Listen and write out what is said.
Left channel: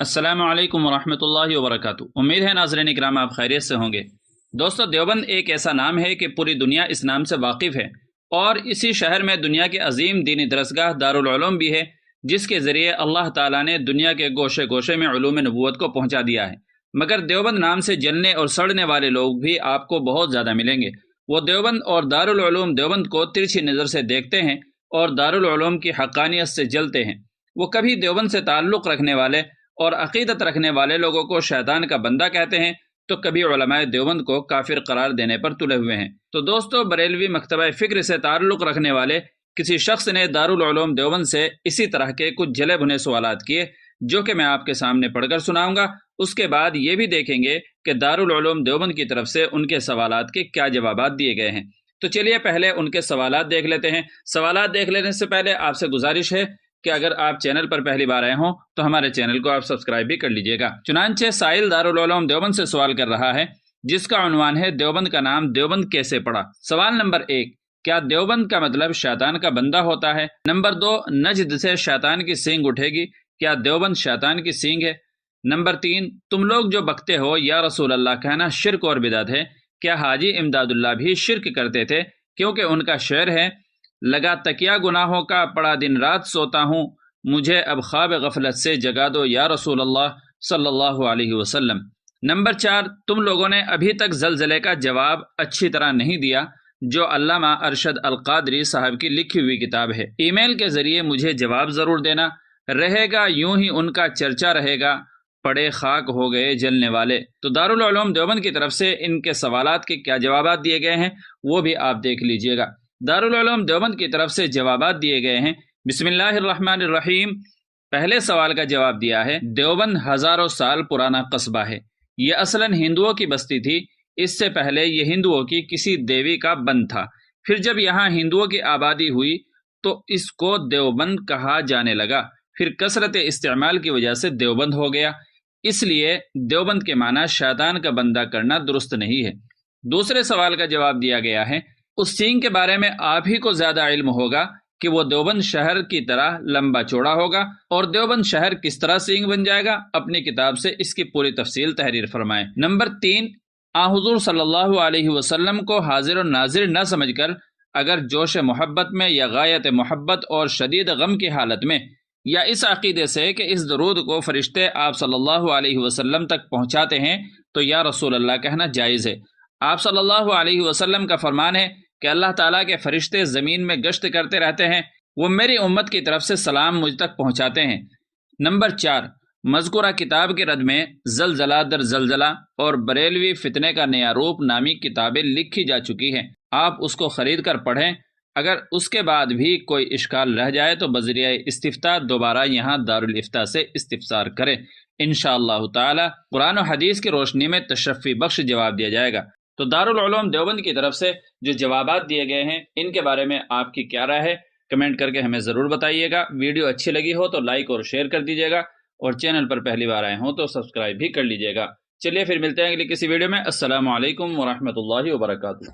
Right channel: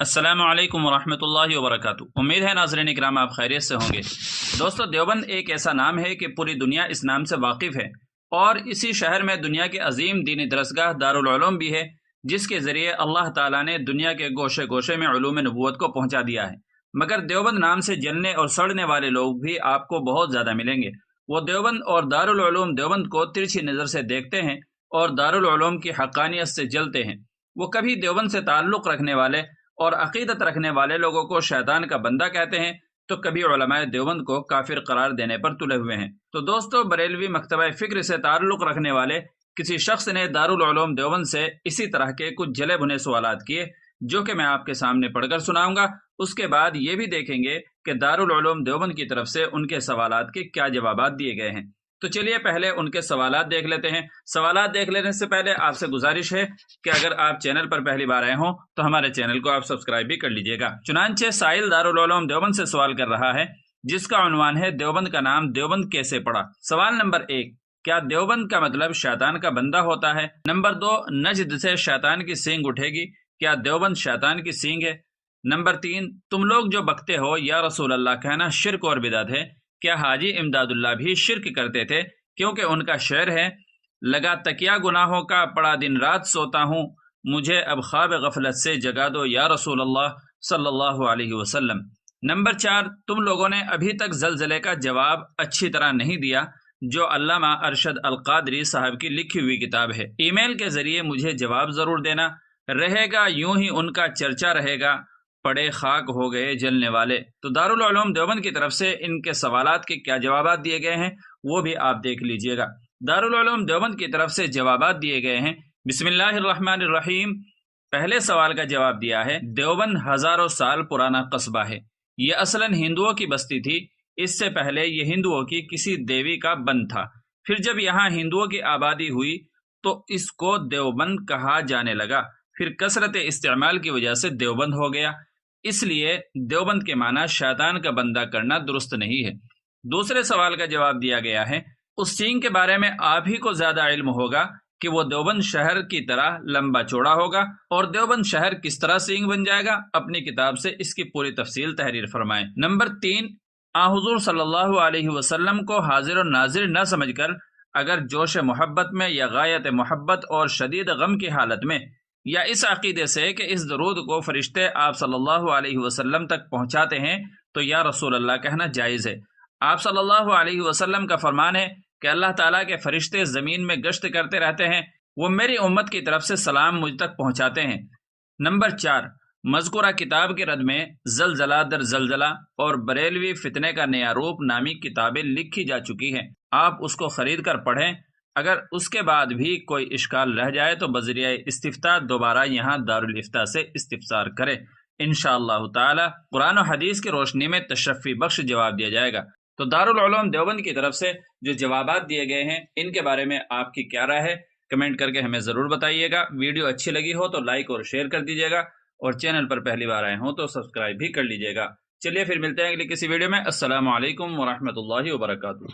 السلام علیکم ورحمۃ اللہ وبرکاتہ۔ امید ہے ناظرین اکرام آپ خیریت سے ہوں گے۔ دوستو، دیوبند ایک ایسا نام ہے کہ پوری دنیا اس نام سے واقف ہے، اور اسی شہر میں دنیا کے عظیم دینی درسگاہ دارالعلوم بھی ہے، جس کے ذریعے اللہ تعالیٰ نے دنیا کے گوشے گوشے میں علوم نبوت کو پہنچا دیا ہے۔ مگر دیوبند نام سے جلنے اور سڑنے والے لوگ بھی آپ کو بہت زیادہ ملیں گے۔ وہ دیوبند اور دارالعلوم دیوبند کو ترچھی نظر سے دیکھتے ہیں اور دارالعلوم کی حقانیت سے جلتے ہیں۔ وہ کبھی دیوبند سے تعلق رکھنے والے اور عقیدت رکھنے والے لوگوں کو شیطان کا بندہ کہتے ہیں، تو کبھی علماء دیوبند کو کافر قرار دینے پر تلے ہوئے ہیں۔ تو دوستو، بریلوی مکتبہ فکر سے تعلق رکھنے والے کسی شخص نے دارالعلوم دیوبند سے اسی طرح کے کچھ جلے بھنے سوالات کیے، جو کہ میں آپ کے سامنے پڑھ کر سناؤں گا۔ اس کے بعد یہ بھی دیکھیں گے کہ دارالعلوم دیوبند کی طرف سے ان کے سوالات کے کیا جوابات دیے گئے ہیں۔ تو چلیے پہلے ان کے سوالات دیکھ لیتے ہیں۔ سوالات دیکھ لینے سے پہلے آپ سے گزارش ہے کہ اگر آپ چینل پر پہلی بار آئے ہوں تو ہمارے چینل کو آپ سبسکرائب بھی کر لیجئے گا۔ چنانچہ سائل دارالعلوم دیوبند سے سوال کر رہا ہے، جس کا عنوان ہے دیوبند کا نام دیوبند کیسے پڑا۔ سوال نمبر 1، کیا دیوبند کا مطلب شیطان کا بندہ ہوتا ہے؟ نمبر 2، نجد سے شیطان کی سینگ اٹھے گی، کیا دیوبند شیطان کی سینگ ہے؟ نمبر 3، تم لوگ جو بکتے ہو یا رسول اللہ کہنا شرک اور بدعت ہے، کیا حاجی امداد اللہ بھی شرک کرتے تھے؟ کیونکہ ان کا شعر ہے، لگا تکیا گناہوں کا پڑا دن رات سوتا ہوں، مجھے اب خواب غفلت سے جگا دو یا رسول اللہ صلی اللہ علیہ وسلم۔ نمبر 4، تم لوگوں نے ابھی تک زلزلے کا جواب اچھی طرح نہیں دیا، جو علامہ ارشد القادری صاحب کی لکھی ہوئی کتاب ہے۔ ای میل کے ذریعے مجھے جواب ضرور دینا، رہے گا یوں ہی ان کا چرچا رہے گا، پڑے خاک ہو گئے جلنے والے۔ تو دارالعلوم دیوبند کی طرف سے ان کے سوالات کے کیا جوابات دیے گئے ہیں وہ بھی آپ دیکھ لیجئے گا۔ دارالعلوم دیوبند کی طرف سے جوابات دیے گئے ہیں۔ بسم اللہ الرحمن الرحیم۔ پہلے سوال کا جواب دیا ہے، دیوبند ہزاروں سال پرانا قصبہ ہے۔ یہ اصلاً ہندوؤں کی بستی تھی۔ اس سے پہلے یہ ہندوؤں کی کسی دیوی کا بند تھا۔ پھر جب یہاں ہندوؤں کی آبادی ہوئی تو اس کو دیوبند کہا جانے لگا۔ پھر کثرت استعمال کی وجہ سے دیوبند ہو گیا۔ اس لیے دیوبند کے معنی شیطان کا بندہ کرنا درست نہیں ہے۔ دوسرے سوال کا جواب دیا گیا ہے، اس سینگ کے بارے میں آپ ہی کو زیادہ علم ہوگا کہ وہ دیوبند شہر کی طرح لمبا چوڑا ہوگا، اور دیوبند شہر کس طرح سینگ بن جائے گا، اپنی کتاب سے اس کی پوری تفصیل تحریر فرمائیں۔ نمبر 3، حضور صلی اللہ علیہ وسلم کو حاضر و ناظر نہ سمجھ کر اگر جوش محبت میں یا غایت محبت اور شدید غم کی حالت میں، یا اس عقیدے سے کہ اس درود کو فرشتے آپ صلی اللہ علیہ وسلم تک پہنچاتے ہیں، تو یا رسول اللہ کہنا جائز ہے۔ آپ صلی اللہ علیہ وسلم کا فرمان ہے کہ اللہ تعالیٰ کے فرشتے زمین میں گشت کرتے رہتے ہیں، وہ میری امت کی طرف سے سلام مجھ تک پہنچاتے ہیں۔ نمبر 4، مذکورہ کتاب کے رد میں زلزلہ در زلزلہ اور بریلوی فتنے کا نیا روپ نامی کتابیں لکھی جا چکی ہیں، آپ اس کو خرید کر پڑھیں۔ اگر اس کے بعد بھی کوئی اشکال رہ جائے تو بذریعہ استفتاء دوبارہ یہاں دارالافتاء سے استفسار کریں، انشاءاللہ تعالی قرآن و حدیث کی روشنی میں تشفی بخش جواب دیا جائے گا۔ تو دارالعلوم دیوبند کی طرف سے جو جوابات دیے گئے ہیں، ان کے بارے میں آپ کی کیا رائے ہے، کمنٹ کر کے ہمیں ضرور بتائیے گا۔ ویڈیو اچھی لگی ہو تو لائک اور شیئر کر دیجیے گا، اور چینل پر پہلی بار آئے ہوں تو سبسکرائب بھی کر لیجیے گا۔ چلیے پھر ملتے ہیں اگلی کسی ویڈیو میں۔ السلام علیکم ورحمۃ اللہ وبرکاتہ۔